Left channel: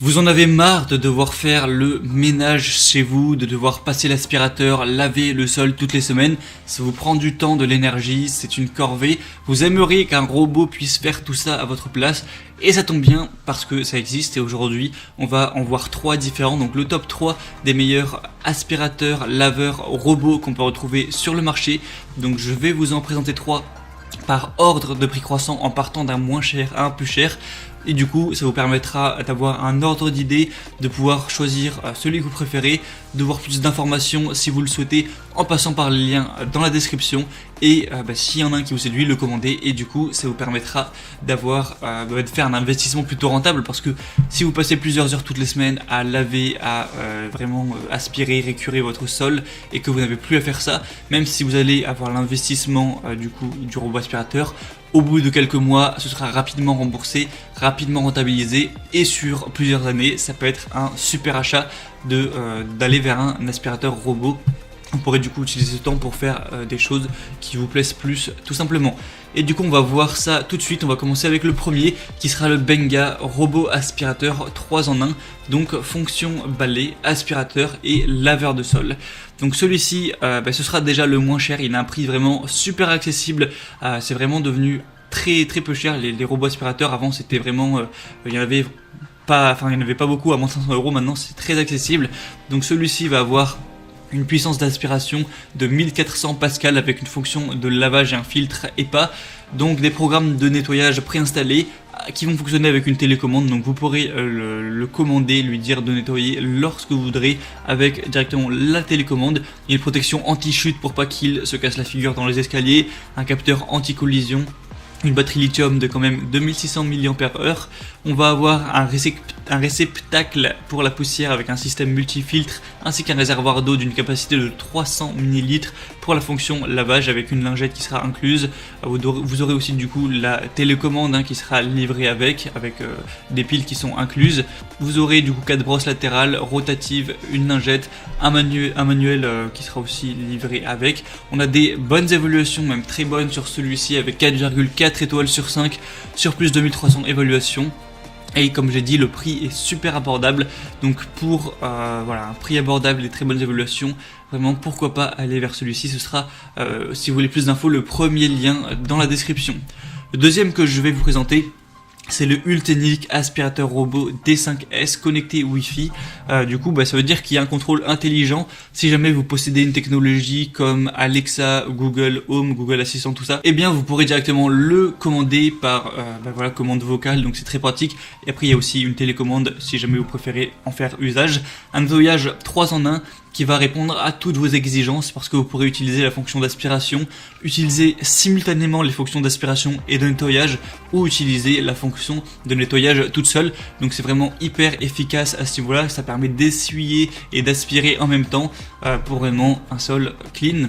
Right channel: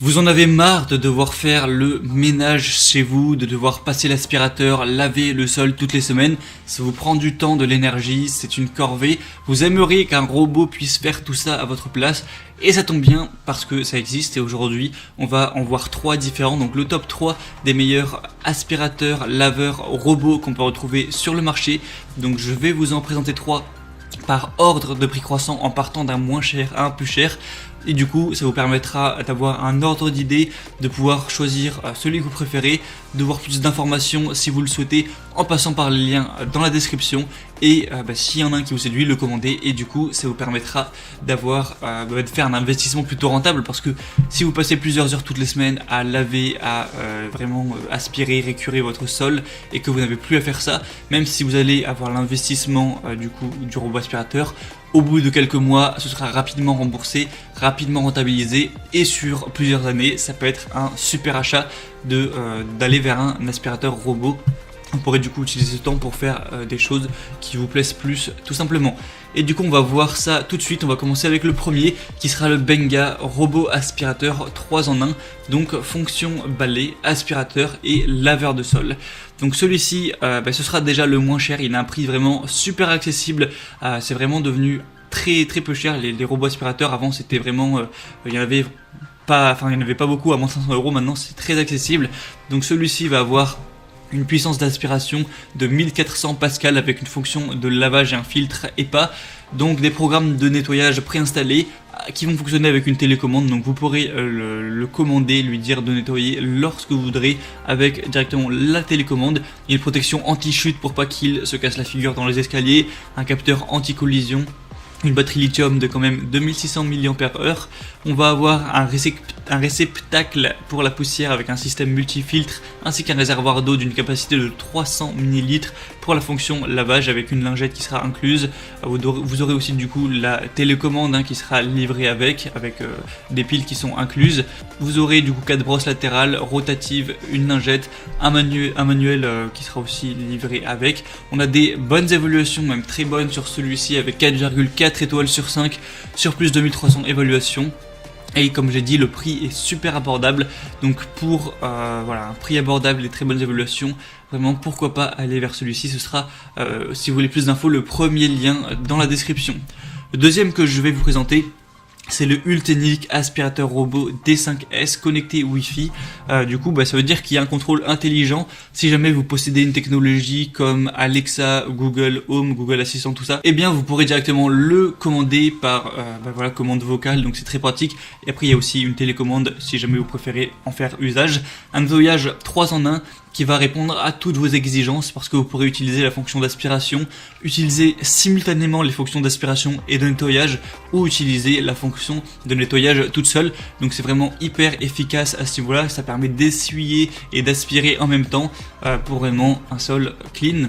Vous en avez marre de devoir faire le ménage chez vous, de devoir passer l'aspirateur, laver le sol toutes les semaines. Ça vous prend du temps, de l'énergie, c'est une corvée. Vous aimeriez qu'un robot puisse faire tout ça à votre place. Et ça tombe bien parce que ça existe et aujourd'hui on va en voir trois différents. Donc le top 3 des meilleurs aspirateurs, laveurs, robots qu'on peut retrouver sur le marché. Donc je vais vous en présenter trois par ordre de prix croissant en partant d'un moins cher à un plus cher. Et du coup, ça vous permettra d'avoir un ordre d'idée, de pouvoir choisir celui que vous préférez, de voir toutes ces informations si vous le souhaitez en passant par le lien dans la description. Et s'il y en a un qui vous séduit, le commander. Et du coup, ça vous permettra d'avoir, de faire un investissement plutôt rentable parce que si vous passez plusieurs heures toutes les semaines à laver, à vraiment aspirer, récurer votre sol et que vous n'avez plus à faire ça, même si vous allez avoir un investissement du robot aspirateur, au bout de quelques mois, ce sera rapidement remboursé, rapidement rentabilisé et sur plusieurs années, ça peut être un super achat d'aller vers un aspirateur robot. On pourrait du coup utiliser ce temps pour faire des choses qui vous plaisent plus tout simplement. Et du coup on va voir ça tout de suite, on va commencer avec le premier qui sera le Benga robot aspirateur 3 en 1. Donc fonction balai, aspirateur et laveur de sol. Donc celui-ci ce sera déjà le moins cher, il a un prix vraiment super accessible, c'est vraiment devenu très peu cher. Les robots aspirateurs avant c'était vraiment, il y en avait pas beaucoup à moins de 500 €, maintenant c'est très accessible. Donc celui-ci va avoir une puissance d'aspiration de 1400 pascal avec une fonction de lavage et un filtre EPA, donc des programmes de nettoyage préinstallés qui vont fonctionner avec une télécommande. Donc vous pourrez le commander, lui dire de nettoyer lorsque vous voudrez avec directement la télécommande. Il y a une protection anti-chute pour pas qu'il se casse la figure dans les escaliers, un capteur anti-collision, une batterie lithium de quand même 2600 mAh. On va avoir un réceptacle pour la poussière avec un système multifiltre ainsi qu'un réservoir d'eau d'une capacité de 300 ml pour la fonction lavage avec une lingette qui sera incluse. Vous aurez aussi du coup la télécommande qui sera livrée avec des piles qui sont incluses. Vous aurez du coup 4 brosses latérales rotatives, une lingette, un manuel qui sera aussi livré avec. On a des bonnes évaluations, même très bonnes sur celui-ci avec 4,4 étoiles sur 5 sur plus de 1300 évaluations. Et comme j'ai dit, le prix est super abordable. Donc pour un prix abordable et très bonnes évaluations, vraiment pourquoi pas aller vers celui-ci. Ce serait, si vous voulez plus d'infos, le premier lien dans la description. Le deuxième que je vais vous présenter, c'est le Ultenic aspirateur robot D5S connecté Wi-Fi. Du coup, ça veut dire qu'il y a un contrôle intelligent. Si jamais vous possédez une technologie comme Alexa, Google Home, Google Assistant, tout ça, eh bien vous pourrez directement le commander par commande vocale. Donc c'est très pratique. Et après il y a aussi une télécommande si jamais vous préférez en faire usage. Un nettoyage 3 en 1 qui va répondre à toutes vos exigences parce que vous pourrez utiliser la fonction d'aspiration, utiliser simultanément les fonctions d'aspiration et de nettoyage ou utiliser la fonction de nettoyage toute seule. Donc c'est vraiment hyper efficace à ce niveau-là, ça permet d'essuyer et d'aspirer en même temps pour vraiment un sol clean.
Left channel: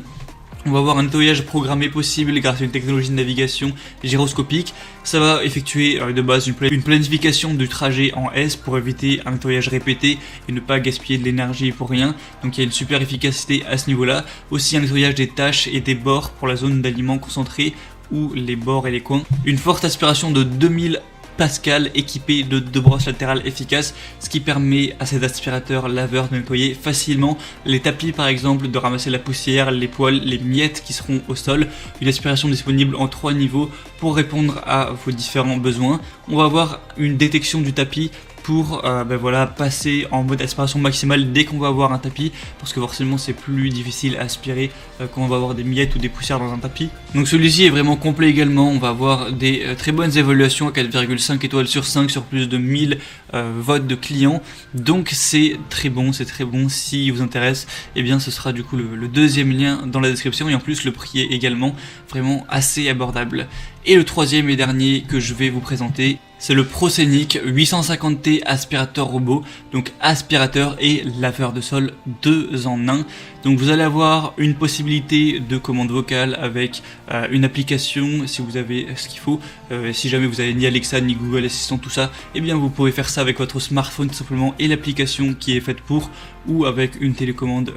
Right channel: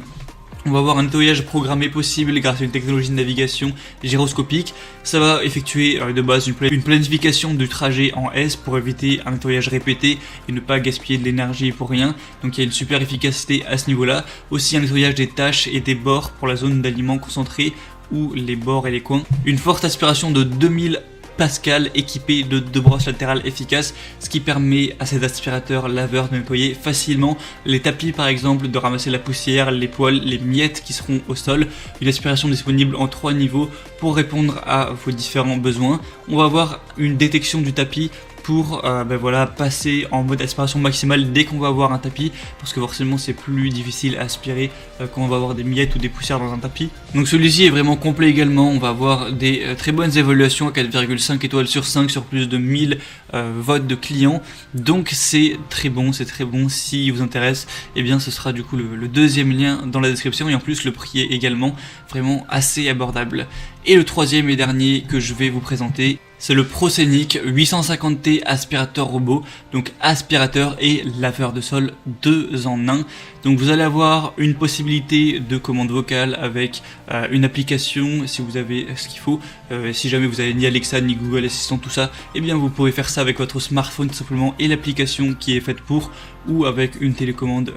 On va avoir un nettoyage programmé possible grâce à une technologie de navigation gyroscopique. Ça va effectuer de base une planification du trajet en S pour éviter un nettoyage répété et ne pas gaspiller de l'énergie pour rien. Donc il y a une super efficacité à ce niveau-là. Aussi un nettoyage des taches et des bords pour la zone d'aliments concentrés ou les bords et les coins. Une forte aspiration de 2000 Pascal équipé de 2 brosses latérales efficaces, ce qui permet à cet aspirateur laveur de nettoyer facilement les tapis par exemple, de ramasser la poussière, les poils, les miettes qui seront au sol. Une aspiration disponible en 3 niveaux pour répondre à vos différents besoins. On va avoir une détection du tapis pour passer en mode aspiration maximale dès qu'on va avoir un tapis, parce que forcément c'est plus difficile à aspirer quand on va avoir des miettes ou des poussières dans un tapis. Donc celui-ci est vraiment complet également, on va avoir des très bonnes évaluations, 4,5 étoiles sur 5 sur plus de 1000 votes de clients. Donc c'est très bon, si vous intéresse, et bien ce serait du coup le deuxième lien dans la description, et en plus le prix est également vraiment assez abordable. Et le troisième et dernier que je vais vous présenter, c'est le Proscenic 850T aspirateur robot, donc aspirateur et laveur de sol 2 en 1. Donc vous allez avoir une possibilité de commande vocale avec une application si vous avez ce qu'il faut, Si jamais vous avez ni Alexa ni Google Assistant, tout ça, eh bien vous pourrez faire ça avec votre smartphone tout simplement et l'application qui est faite pour, ou avec une télécommande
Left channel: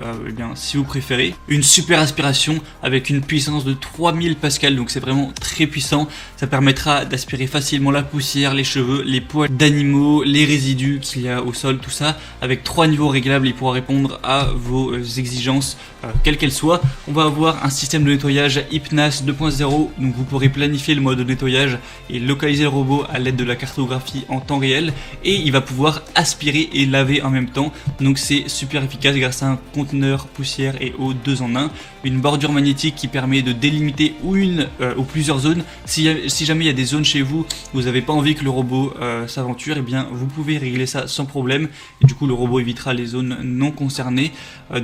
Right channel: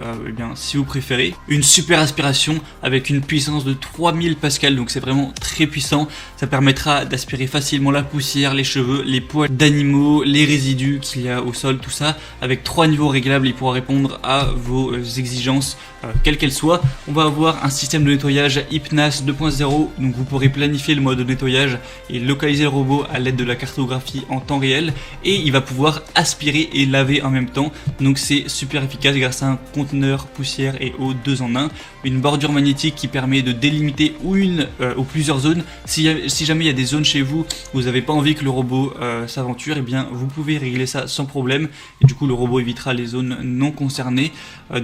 si vous préférez. Une super aspiration avec une puissance de 3000 pascal, donc c'est vraiment très puissant. Ça permettra d'aspirer facilement la poussière, les cheveux, les poils d'animaux, les résidus qu'il y a au sol, tout ça. Avec 3 niveaux réglables, il pourra répondre à vos exigences, quelles qu'elles soient. On va avoir un système de nettoyage HypNAS 2.0, donc vous pourrez planifier le mode de nettoyage et localiser le robot à l'aide de la cartographie en temps réel, et il va pouvoir aspirer et laver en même temps, donc c'est super efficace grâce à un conteneur poussière et eau 2 en 1, une bordure magnétique qui permet de délimiter une ou plusieurs zones. Si jamais il y a des zones chez vous, vous n'avez pas envie que le robot s'aventure, et bien vous pouvez régler ça sans problème, et du coup le robot évitera les zones non concernées.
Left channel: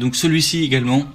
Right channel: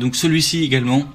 Donc celui-ci également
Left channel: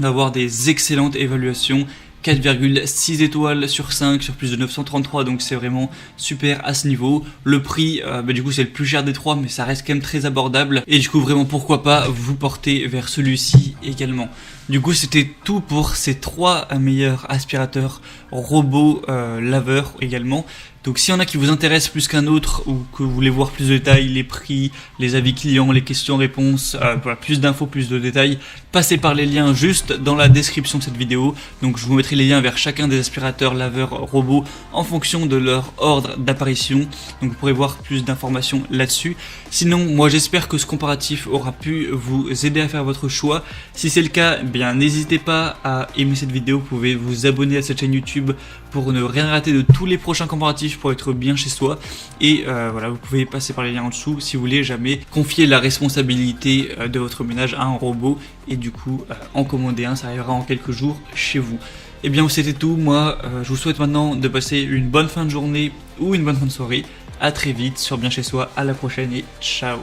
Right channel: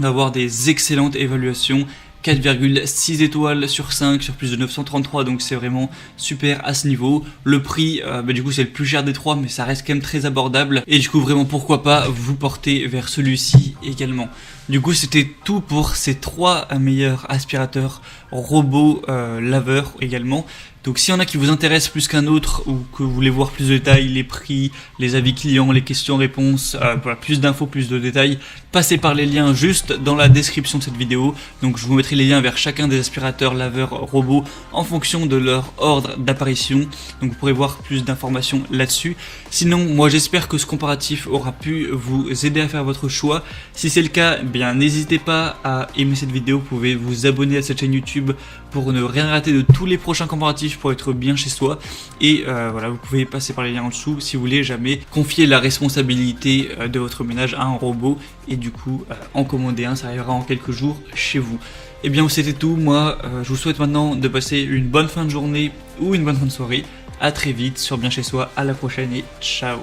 va avoir des excellentes évaluations, 4,6 étoiles sur 5 sur plus de 933, donc c'est vraiment super à ce niveau. Le prix, du coup c'est le plus cher des trois, mais ça reste quand même très abordable, et du coup vraiment pourquoi pas vous porter vers celui-ci également. Du coup c'était tout pour ces 3 meilleurs aspirateurs robots laveurs également. Donc s'il y en a qui vous intéressent plus qu'un autre, ou que vous voulez voir plus de détails, les prix, les avis clients, les questions-réponses, plus d'infos, plus de détails, passez par les liens juste dans la description de cette vidéo. Donc je vous mettrai les liens vers chacun des aspirateurs laveurs robots en fonction de leur ordre d'apparition. Donc vous pourrez voir plus d'informations là-dessus. Sinon, moi j'espère que ce comparatif aura pu vous aider à faire votre choix. Si c'est le cas, eh bien n'hésitez pas à aimer cette vidéo. Vous pouvez vous abonner à cette chaîne YouTube pour ne rien rater de tous les prochains comparatifs, pour être bien chez soi. Et voilà, vous pouvez passer par les liens en dessous si vous voulez jamais confier la responsabilité de votre ménage à un robot, et du coup en commander un, ça arrivera en quelques jours chez vous. Et bien c'était tout. Moi je vous souhaite maintenant de passer une bonne fin de journée ou une bonne fin de soirée. À très vite sur Bien Chez Soi, à la prochaine et ciao.